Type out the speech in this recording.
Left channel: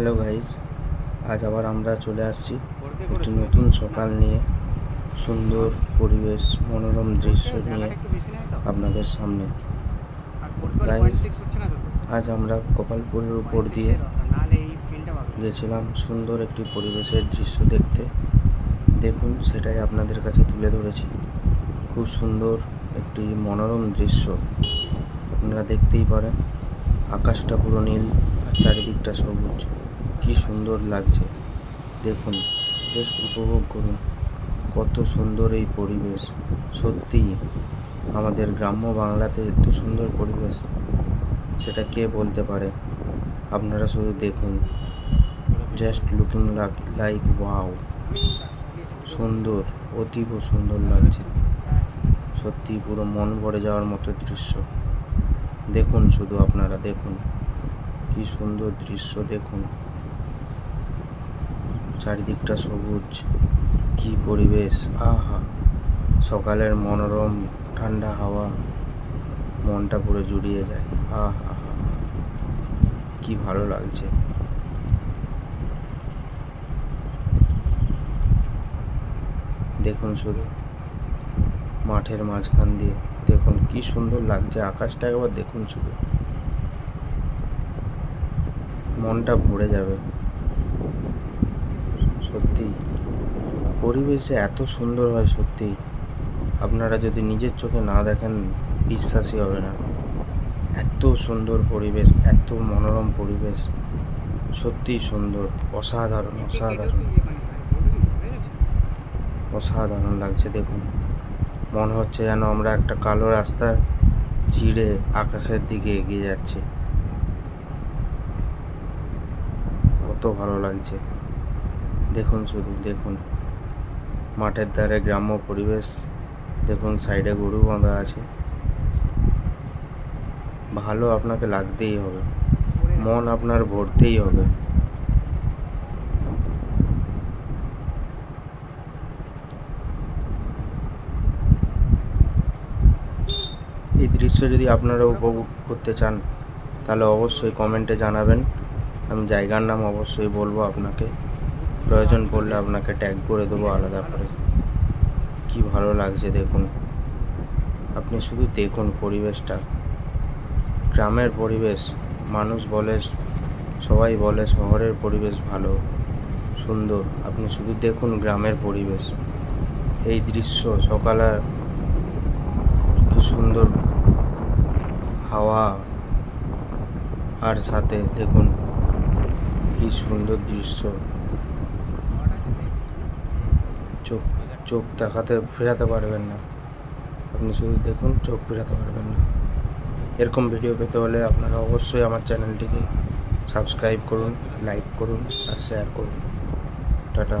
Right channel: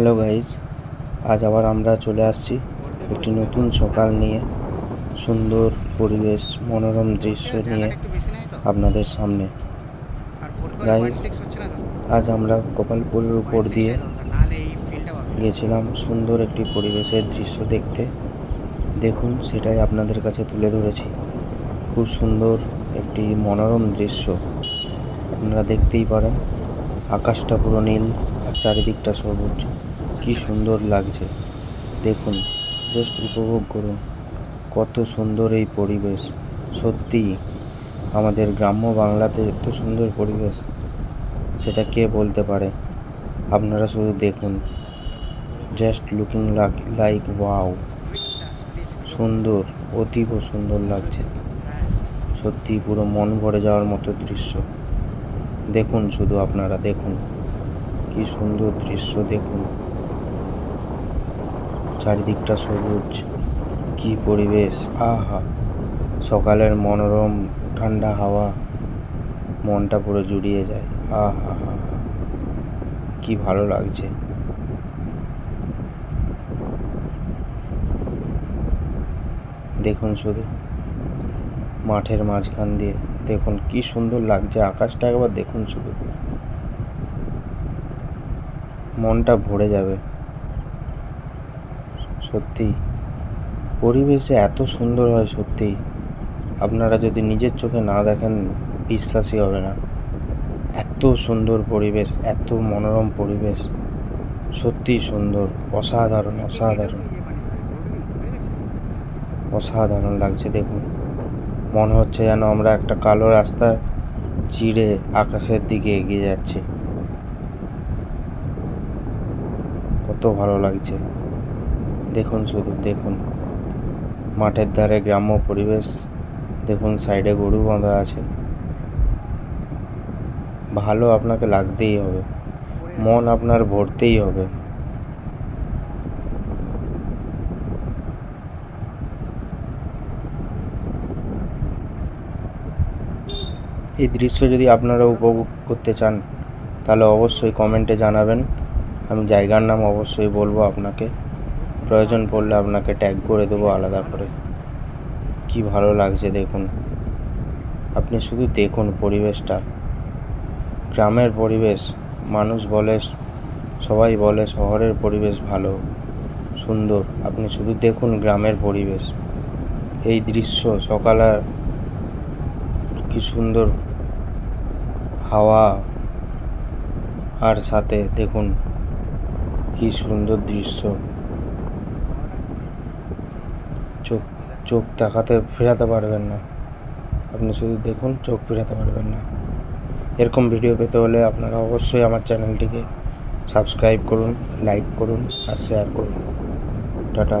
Hello guys, আজ আবার আমরা চলে আসছি একটি নতুন সকাল নিয়ে, সুন্দর পরিবেশ, মনোরম দৃশ্য নিয়ে আপনাদের সামনে। গাইস, আজ আমরা গোপালপুরের উপর দিয়ে গেছিলাম সুন্দর একটি পরিবেশের দৃশ্য দেখতে। দেখুন, সেটাই আপনাদের কাছে তুলে ধরেছি। খুব সুন্দর একটি মনোরম দৃশ্য, আপনারা দেখতেই পারেন। আকাশটা পুরো নীল আর চারিদিকটা সবুজ, কি সুন্দর লাগছে। দেখুন, জাস্ট উপভোগ করুন, কত সুন্দর এই পরিবেশ। সত্যি আমাদের গ্রাম্য বাংলাতে এত সুন্দর পরিবেশ, সেটা কে বলতে পারে। আপনারা শুধু দেখুন, জাস্ট লুকিং লাইক ওয়াও, সুন্দর, অতীব সুন্দর লাগছে। সত্যি পুরো মন ভরে যাওয়ার মতো দৃশ্য। দেখুন, শুধু আপনারা দেখুন, কি সুন্দর দৃশ্য। দেখুন, চারিদিকটা সবুজ, কি পরিবেশ। আহা, সকালের মনোরম ঠান্ডা হাওয়া মনটা পুরো জুড়িয়ে যায়। আহা, কি ভালো লাগছে। দেখুন, শুধু মাঠের মাঝখান দিয়ে দেখুন কি সুন্দর লাগছে। আকাশটা একবার দেখুন, শুধু মনটা ভরে যাবে। সত্যি পরিবেশ যে এত সুন্দর হয়, সত্যি আপনারা যদি নিজের চোখে না দেখেন বিশ্বাসই হবে না। এত সুন্দর পরিবেশ, এত মনোরম পরিবেশ, সত্যি সুন্দর, অসাধারণ অসাধারণ অসাধারণ লাগছে। দেখুন, মনে হচ্ছে যেন আমরা একটা কালো রাস্তা চিড়ে আকাশের দিকে এগিয়ে যাচ্ছি। কত ভালো লাগছে। দেখুন, শুধু দেখুন, মাঠের ধারে গ্রাম্য পরিবেশ। দেখুন, সাইডে গরু বাঁধা আছে। ভালো আপনাকে লাগতেই হবে, মন আপনার ভরতেই হবে। এই দৃশ্য যদি আপনারা উপভোগ করতে চান, তাহলে অবশ্যই কমেন্টে জানাবেন। আমি জায়গার নাম অবশ্যই বলবো আপনাকে, প্রয়োজন পড়লে আপনাকে ট্যাগ করে দেবো আলাদা করে। কি ভালো লাগছে দেখুন, আপনি শুধু দেখুন পরিবেশটা। গ্রামের পরিবেশ, মানুষ বলে, সবাই বলে শহরের পরিবেশ ভালো সুন্দর, আপনি শুধু দেখুন গ্রামের পরিবেশ। এই দৃশ্য সকালে কি সুন্দর হাওয়া, আর সাথে দেখুন কি সুন্দর দৃশ্য। চোখ দেখাতে ফেরাতে পারবেন না, আপনি শুধু দেখুন, চোখ ফেরাতে পারবেন না। এরকম ভিডিও পেতে হলে আপনারা অবশ্যই আমার চ্যানেলটিকে সাবস্ক্রাইব করুন, লাইক করুন আর শেয়ার করুন। টাটা।